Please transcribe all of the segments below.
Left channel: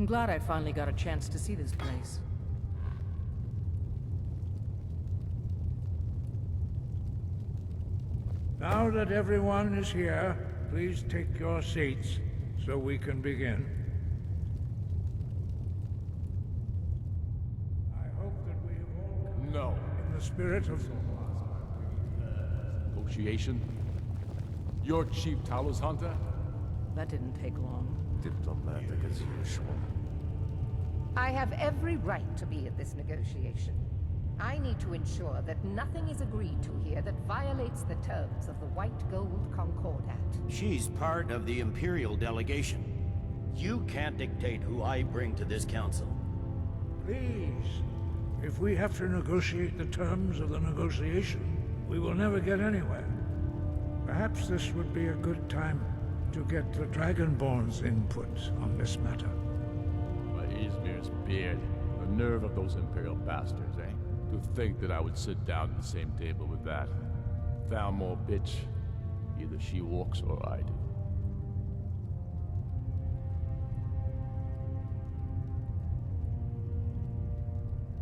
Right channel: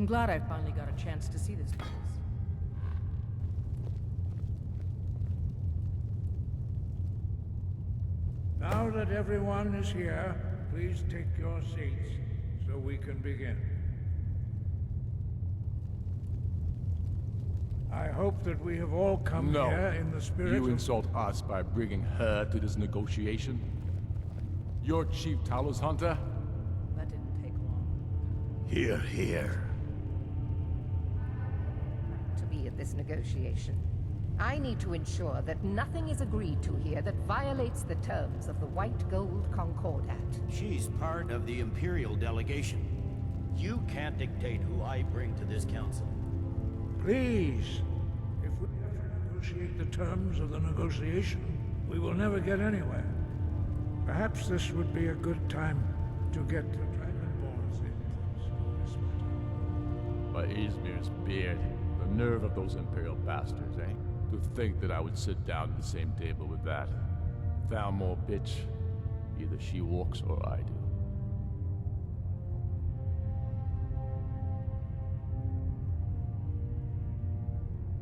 I'm glad I finally got a chance to see this place. Now that everyone is here, please take your seats so we can begin. I hope that we have all come here in the spirit You insult us by bringing her to this negotiation? You're Chief Talos Hunter? That didn't take long. Here, here. I have every right to be at this negotiation. I need to ensure that nothing is agreed to here that violates the terms of the White Gold Concordat. She's part of the Imperial delegation. You can't dictate who I bring to this council. Please, if we have to negotiate the terms of the negotiation, we will never get anywhere. Perhaps this would be a good time to get the Dragonborn's input on this matter. By Izmir's beard. The nerve of those Imperial bastards, eh? To think that I would sit down at the same table with that. Thalmor bitch. Either she walks or I do.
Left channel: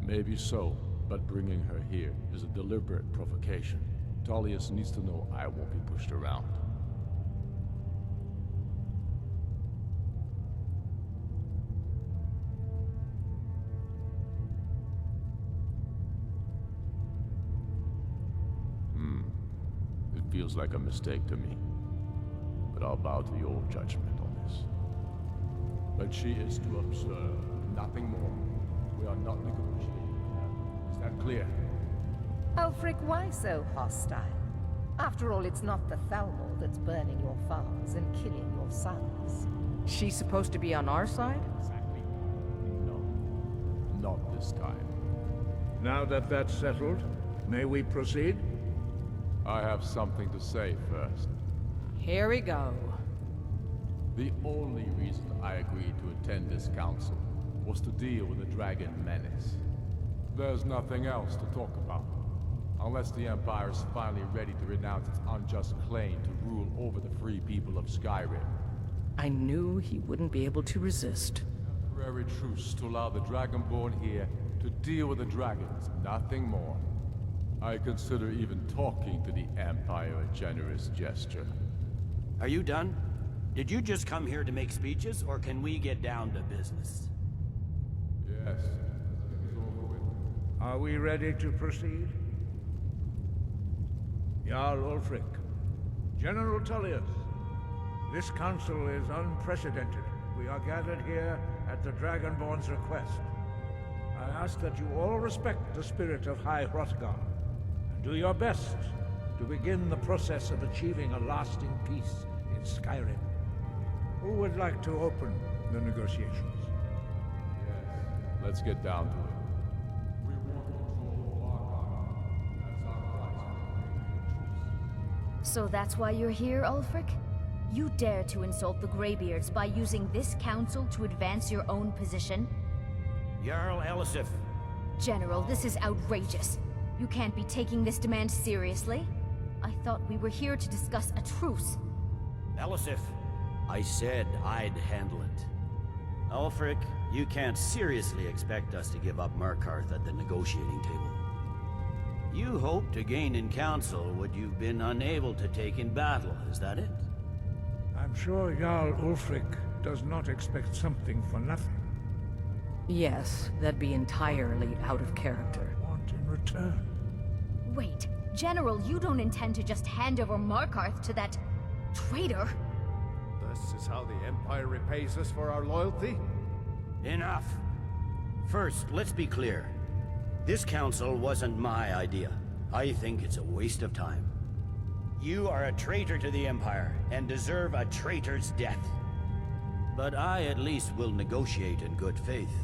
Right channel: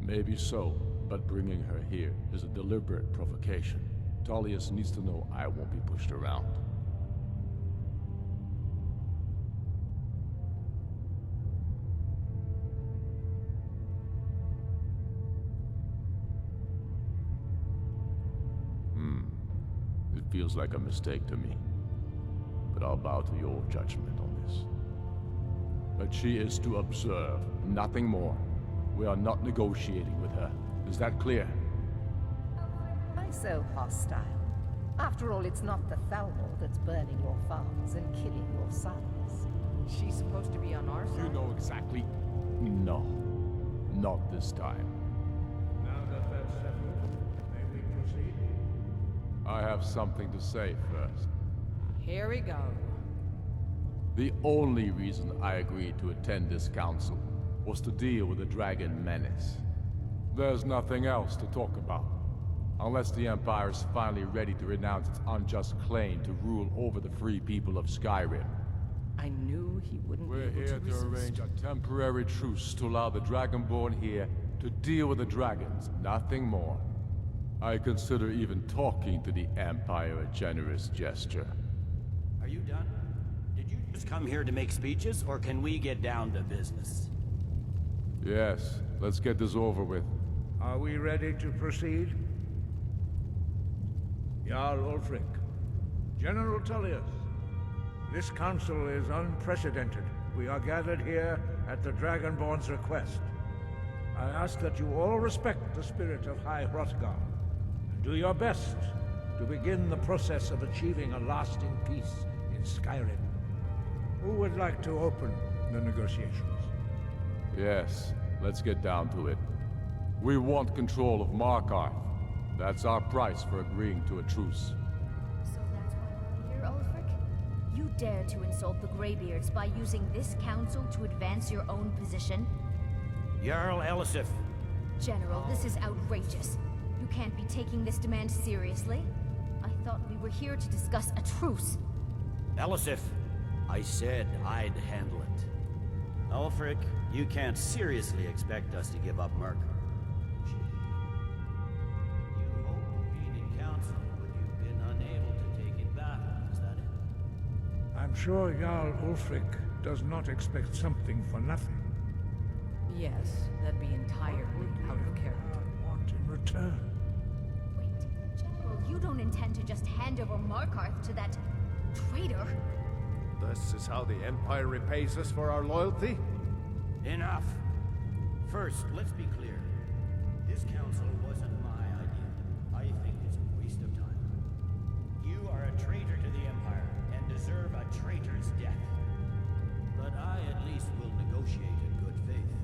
Maybe so, but bringing her here is a deliberate provocation. Tullius needs to know I won't be pushed around. It feels like a mistake to me. But I'll bow to your judgment on this. But she is to observe, nothing more. We are not negotiating with her. Is that clear? Ulfric, why so hostile? After all, it's not the Thalmor that's burning your farms and killing your sons. She's supposed to be on our You side? know exactly. No. Not this time. Now that that's settled, may we proceed? I have something to say first. Here we go. The only reason I agreed to attend this council was to deal with the dragon menace. There's nothing else to talk about. Unless the Empire is finally ready to renounce its unjust claim to rule over the free people of Skyrim. I knew he wouldn't be able to resist. Arrange a temporary truce to allow the Dragonborn here to deal with the dragons, nothing more. I consider even talking to the Empire a generous gesture. Are you done? Did you just come here to make speeches, or can we get down to business? Yes, let's get this over with. Are we ready to proceed? Jarl Ulfric, General Tullius, this council is unprecedented. We are gathered here at the Dragonborn's request. I ask that you all respect the spirit of High Hrothgar, and do your best to begin the process of achieving a lasting peace in Skyrim. Who would like to open the negotiations? Yes, let's get down to it. We want control of Markarth. That's our price for agreeing to a truce. So that's why you're here, Ulfric? You dare to insult the Greybeards by using this council to advance your own position? Jarl Elisif. General, this is outrageous. You can't be taking this demand seriously. I thought we were here to discuss a truce. Elisif, I said I'd handle it. Ulfric, you can't seriously expect us to give up Markarth at the negotiating table. You hoped to gain in council what you've been unable to take in battle, is that it? I'm sure Jarl Ulfric does not expect something for nothing. Yes, that'd be entirely out of character. I want in return. Wait, General, you don't intend to just hand over Markarth to that traitor? This is how the Empire repays us for our loyalty? Enough! First, let's be clear. This council wasn't my idea. I think it's a waste of time. You are a traitor to the Empire, and deserve a traitor's death. But I at least will negotiate in good faith.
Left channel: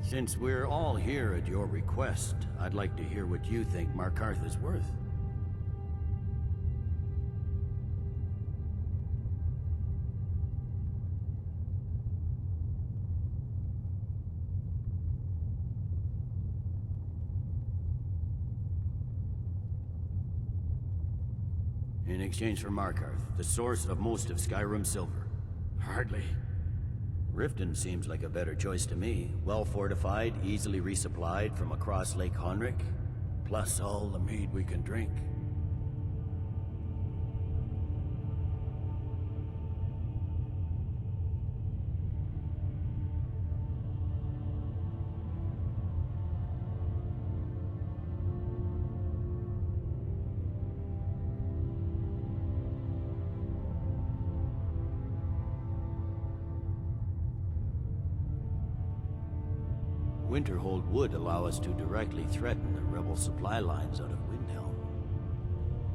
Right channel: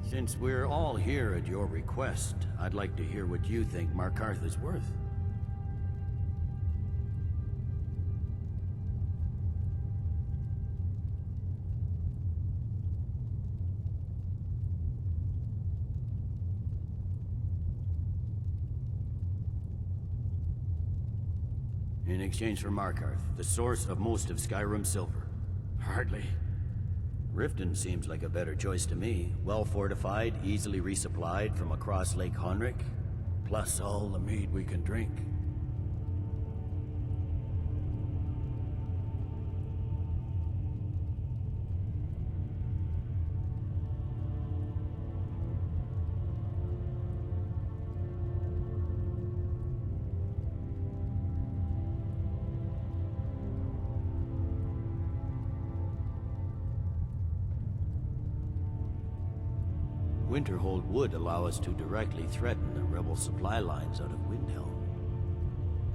Since we're all here at your request, I'd like to hear what you think Markarth is worth. In exchange for Markarth, the source of most of Skyrim's silver. Hardly. Riften seems like a better choice to me. Well fortified, easily resupplied from across Lake Honrick, plus all the mead we can drink. Winterhold would allow us to directly threaten the rebel supply lines out of Windhelm.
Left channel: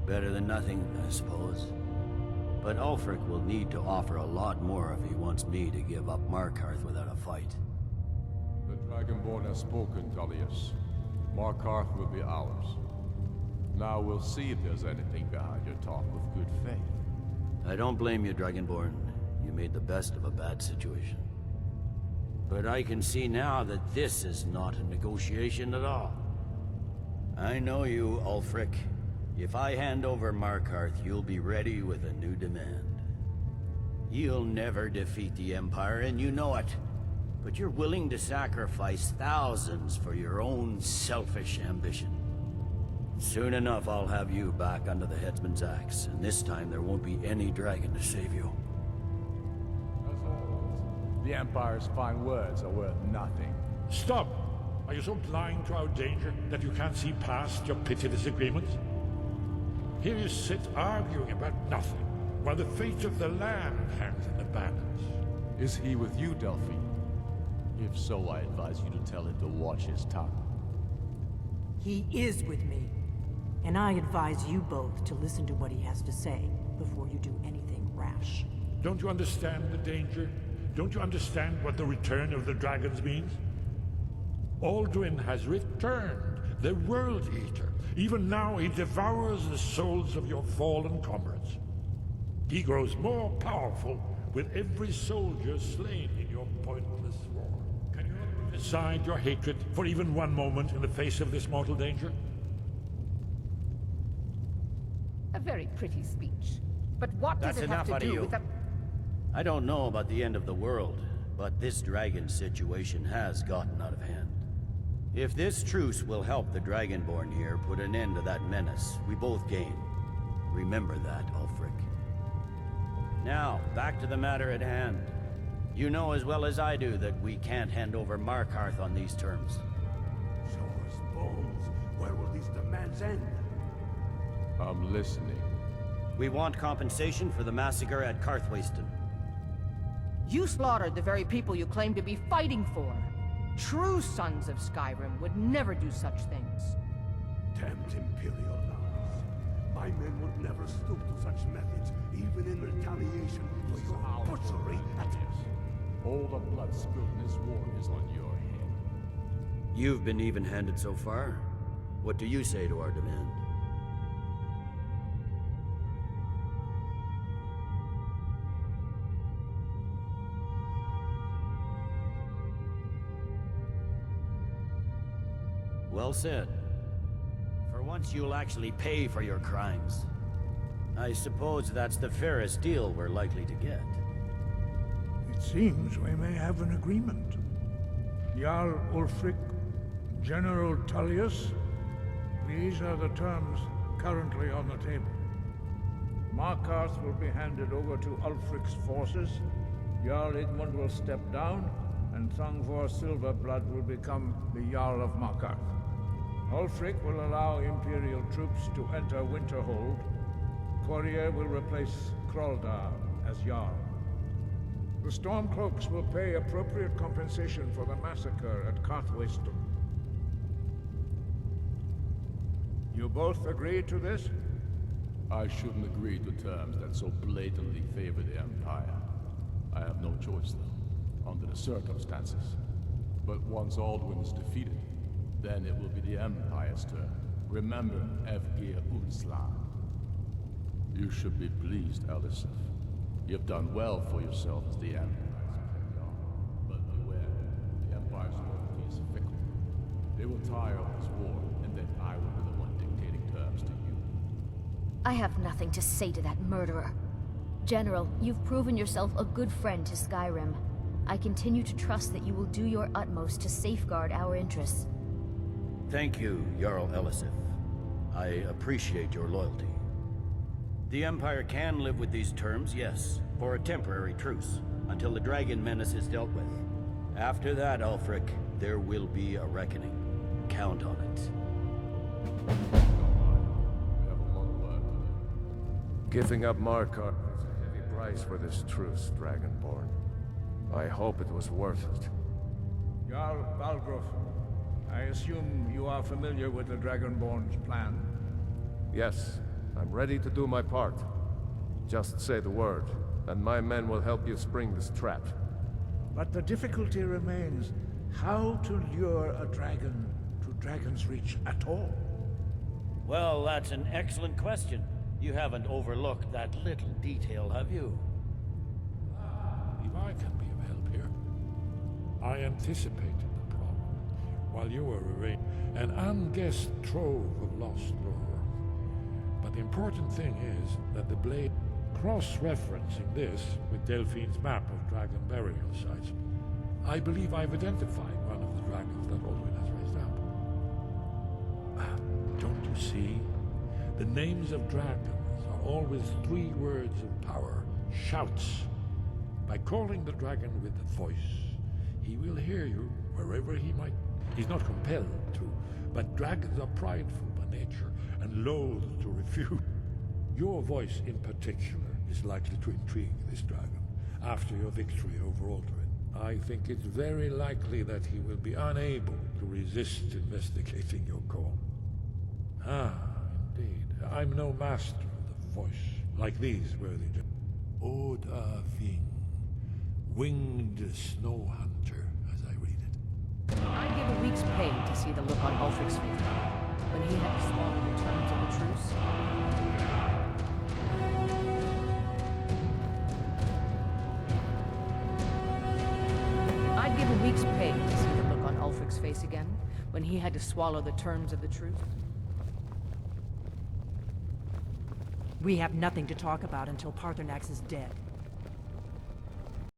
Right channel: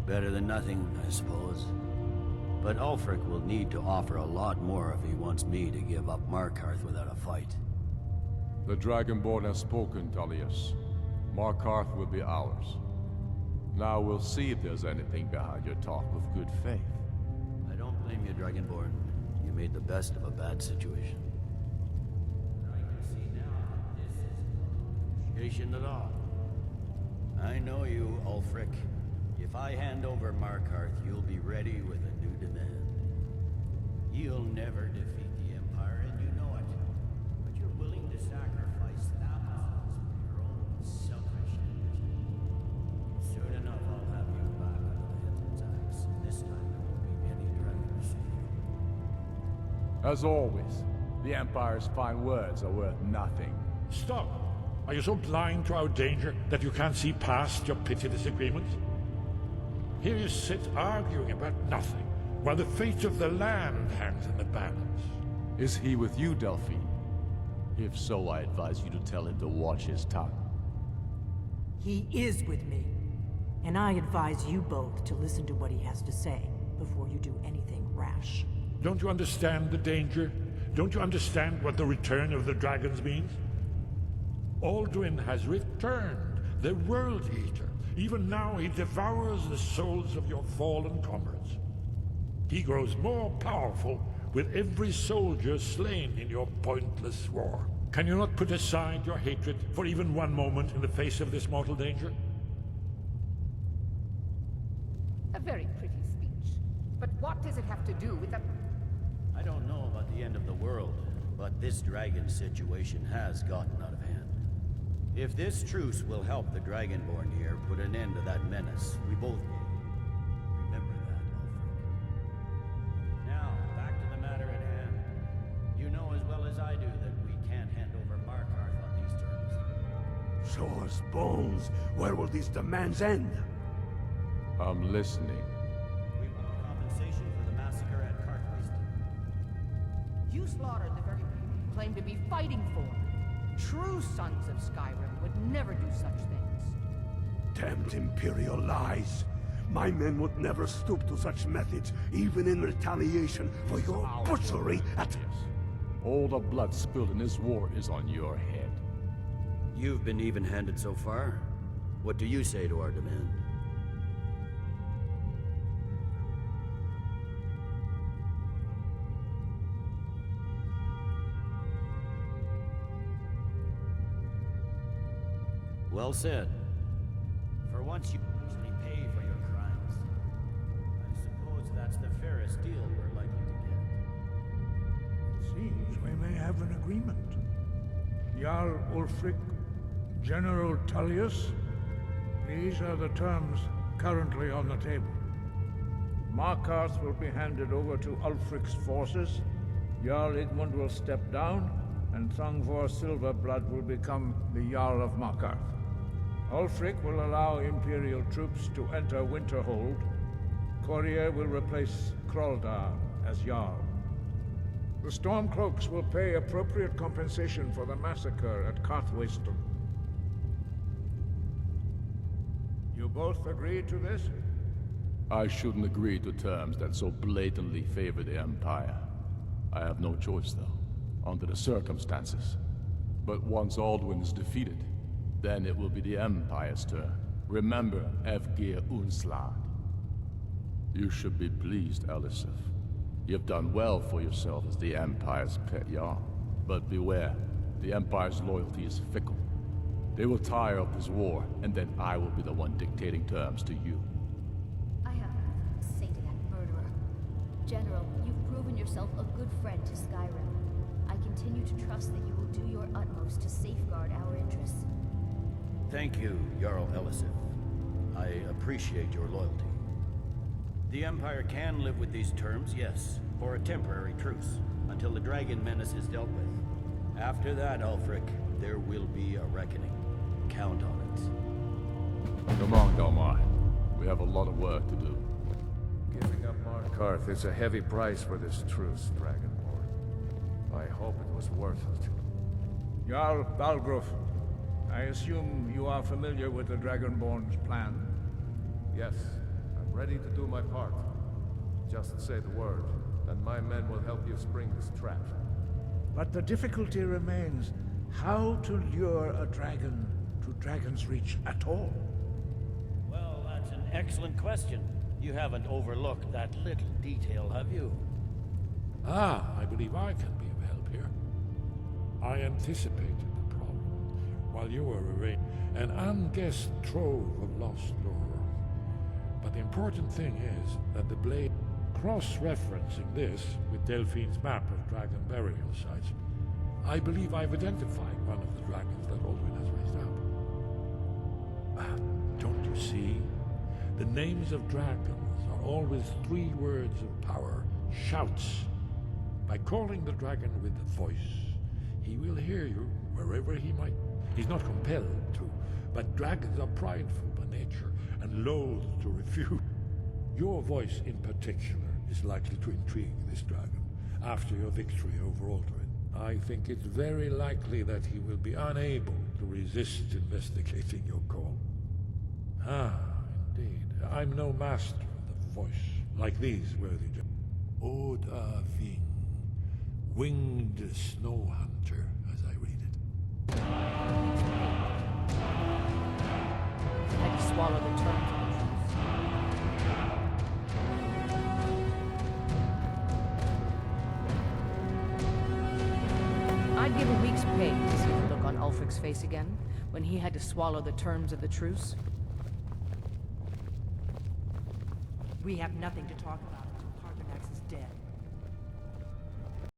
Better than nothing, I suppose. But Ulfric will need to offer a lot more if he wants me to give up Markarth without a fight. The Dragonborn has spoken, Tullius. Markarth will be ours. Now we'll see if there's anything behind your talk with good faith. I don't blame you, Dragonborn. You made the best of a bad situation. But I can see now that this is not a negotiation at all. I know you, Ulfric. If I hand over Markarth, you'll be ready with a new demand. You'll never defeat the Empire, and you know it. But you're willing to sacrifice thousands for your own selfish ambition. Soon enough, I'll have you back under the headsman's axe, and this time there won't be any dragon to save you. As always, the Empire's fine words are worth nothing. Stop! Are you so blind to our danger that you can't see past your petty disagreements? Here you sit arguing about nothing, while the fate of the land hangs in the balance. Is he with you, Delphine? If so, I advise you to tell him to watch his tongue. He is with me. And I advise you both to listen to what he has to say before you do anything rash. Don't you understand the danger? Don't you understand what the return of the dragons means? Alduin has returned, the World Eater. Even now he devours the souls of your fallen comrades. He grows more powerful with every soldier slain in your pointless war. Can you not put aside your hatred for even one moment in the face of this mortal danger? A very pretty speech. But what does That's it have to enough out of do you. with the... I don't know about the end of the world, but this dragon situation has gotten out of hand. If this truce will help the Dragonborn here put an end to that menace, we both gain. Remember that, Ulfric. Now, back to the matter at hand. You know as well as I do that we can't hand over Markarth on these terms. Show us bones. Where will these demands end? I'm listening. We want compensation for the massacre at Karthwasten. You slaughtered the very people you claim to be fighting for. True sons of Skyrim would never do such things. Damned Imperial lies. My men would never stoop to such methods, even in retaliation for your butchery at... All the blood spilled in this war is on your head. You've been even-handed so far. What do you say to our demand? Well said. For once you'll actually pay for your crimes. I suppose that's the fairest deal we're likely to get. It seems we may have an agreement. Jarl Ulfric, General Tullius, these are the terms currently on the table. Markarth will be handed over to Ulfric's forces, Jarl Igmund will step down, and Thangvor Silverblood will become the Jarl of Markarth. Ulfric will allow Imperial troops to enter Winterhold. Courier will replace Kraldar as Jarl. The Stormcloaks will pay appropriate compensation for the massacre at Karthwasten. You both agree to this? I shouldn't agree to terms that so blatantly favor the Empire. I have no choice, though, under the circumstances. But once Alduin is defeated, then it will be the Empire's turn. Remember Evgir Unslad. You should be pleased, Elisif. You've done well for yourself as the Empire's pet Jarl. But beware, the Empire's loyalty is fickle. They will tire of this war, and then I will be the one dictating terms to you. I have nothing to say to that murderer. General, you've proven yourself a good friend to Skyrim. I continue to trust that you will do your utmost to safeguard our interests. Thank you, Jarl Elisif. I appreciate your loyalty. The Empire can live with these terms, yes, for a temporary truce, until the dragon menace is dealt with. After that, Ulfric, there will be a reckoning. Count on it. Come on, don't mind. We have a lot of work to do. Giving up Markarth is a heavy price for this truce, Dragonborn. I hope it was worth it. Jarl Balgruuf, I assume you are familiar with the Dragonborn's plan? Yes, I'm ready to do my part. Just say the word, and my men will help you spring this trap. But the difficulty remains how to lure a dragon to Dragon's Reach at all. Well, that's an excellent question. You haven't overlooked that little detail, have you? Ah, I believe I can be of help here. I anticipated the problem while you were arranging an unguessed trove of lost lore. But the important thing is that the blade, cross-referencing this with Delphine's map of dragon burial sites, I believe I've identified one of the dragons that Alduin has raised up. Don't you see? The names of dragons are always 3 words of power, shouts. By calling the dragon with the voice, he will hear you wherever he might. He's not compelled to, but dragons are prideful by nature and loath to refuse. Your voice in particular is likely to intrigue this dragon after your victory over Alduin. I think it's very likely that he will be unable to resist investigating your call. Ah, indeed. I'm no master of the voice, like these worthy gentlemen. Oda Ving, winged snow hunter, as I read it. I'd give a week's pay to see the look on Ulfric's face when he had to swallow the terms of the truce. I'd give a week's pay to see the look on Ulfric's face again when he had to swallow the terms of the truce. We have nothing to talk about until Paarthurnax is dead.